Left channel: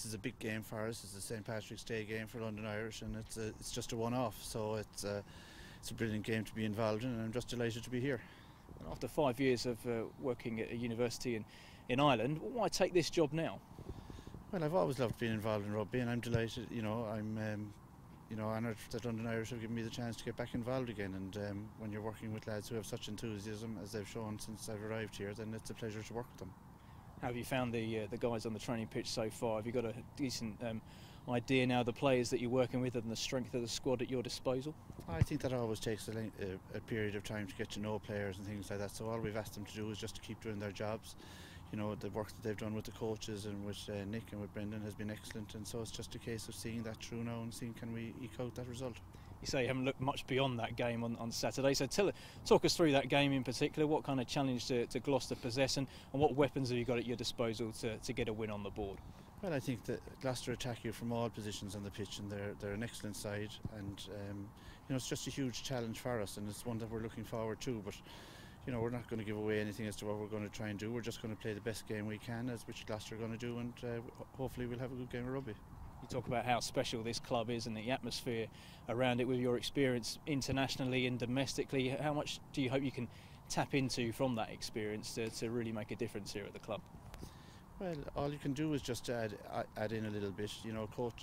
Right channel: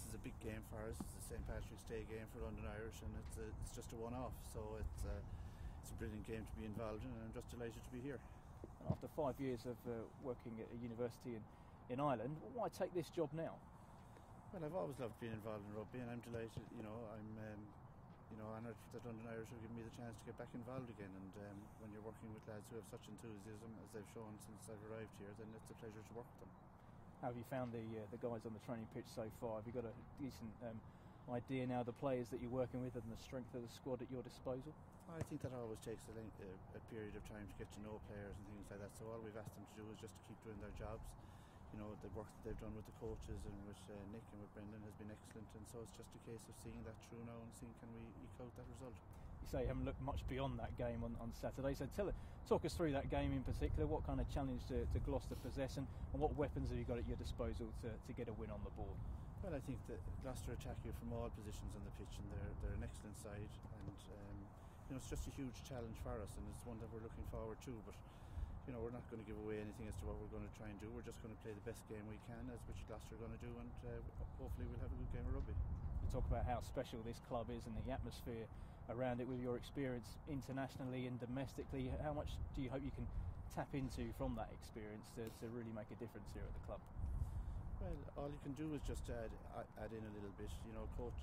this is a big game for us. It's the St Patrick's Day game for London Irish, and it's just a one-off. So it's a brilliant game to be involved in, and I'm just delighted to be here. After 5 years of working at a university in Ireland, why take this job now? Well, I've always loved being involved in rugby, and I'm delighted. I'm honoured that London Irish have given me the chance to get back involved again. And when you're working with lads who have such enthusiasm as they've shown since I've arrived here, then it's a pleasure to work with them. How have you found the guys on the training pitch so far? Have you got a decent idea now of the players that you're working with and the strength of the squad at your disposal? I think that always takes a period of time to get to know players and things like that. So all we've asked them to do is just to keep doing their jobs. You know, the work that they've done with the coaches and with Nick and with Brendan has been excellent, and so it's just a case of seeing that through now and seeing can we eke out that result. You say you haven't looked much beyond that game on Saturday, so talk us through that game in particular. What kind of challenge to Gloucester possess, and what weapons have you got at your disposal to get a win on the board? Well, I think that Gloucester attack you from all positions on the pitch, and they're an excellent side, and it's just a huge challenge for us, and it's one that we're looking forward to. But we're not going to give away anything as to what we're going to try and do. We're just going to play the best game we can, as which Gloucester are going to do, and hopefully we'll have a good game of rugby. You talk about how special this club is and the atmosphere around it with your experience internationally and domestically. How much do you hope you can tap into from that experience to really make a difference here at the club? Well, all you can do is just add in a little bit.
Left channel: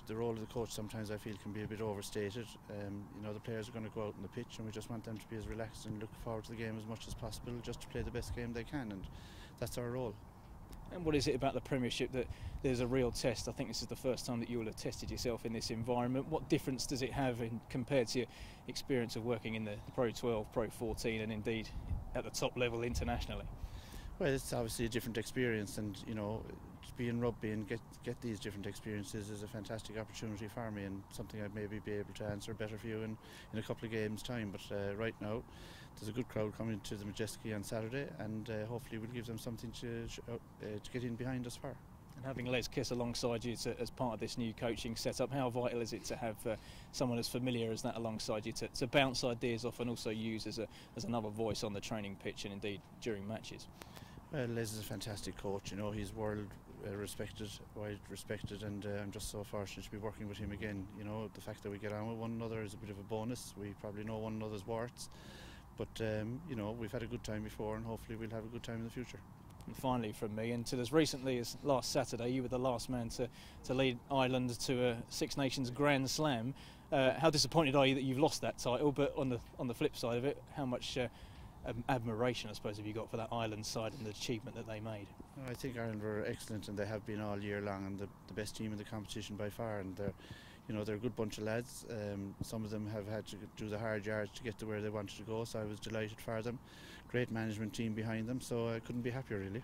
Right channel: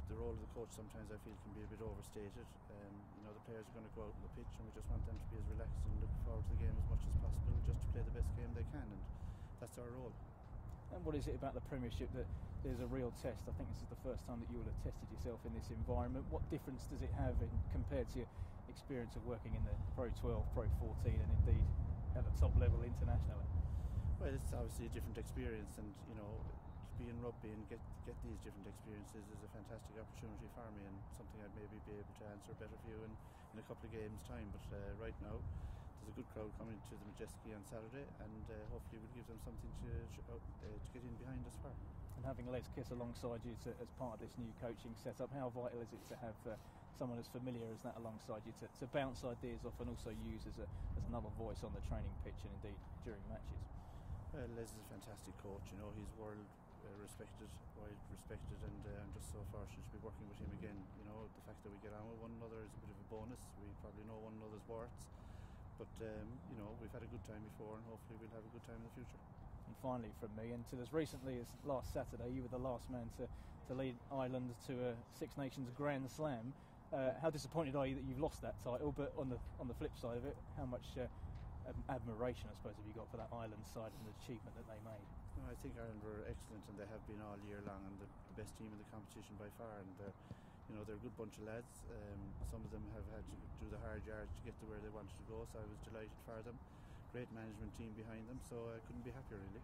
The role of the coach sometimes I feel can be a bit overstated. The players are going to go out on the pitch, and we just want them to be as relaxed and look forward to the game as much as possible, just to play the best game they can, and that's our role. And what is it about the Premiership that there's a real test? I think this is the first time that you will have tested yourself in this environment. What difference does it have compared to your experience of working in the Pro 12, Pro 14, and indeed at the top level internationally? Well, it's obviously a different experience, and to be in rugby and get these different experiences is a fantastic opportunity for me, and something I'd maybe be able to answer better for you in a couple of games' time. But right now, there's a good crowd coming to the Majestic on Saturday, and hopefully we'll give them something to get in behind us for. And having Les Kiss alongside you as part of this new coaching setup, how vital is it to have someone as familiar as that alongside you to bounce ideas off and also use as another voice on the training pitch and indeed during matches? Well, Les is a fantastic coach. He's world respected, wide respected, and I'm just so fortunate to be working with him again. The fact that we get on with one another is a bit of a bonus. We probably know one another's warts, but we've had a good time before, and hopefully we'll have a good time in the future. And finally from me, until as recently as last Saturday, you were the last man to lead Ireland to a Six Nations Grand Slam. How disappointed are you that you've lost that title? But on the flip side of it, how much admiration, I suppose, have you got for that Ireland side and the achievement that they made? I think Ireland were excellent, and they have been all year long, and the best team in the competition by far. And they're a good bunch of lads. Some of them have had to do the hard yards to get to where they wanted to go, so I was delighted for them. Great management team behind them, so I couldn't be happier really.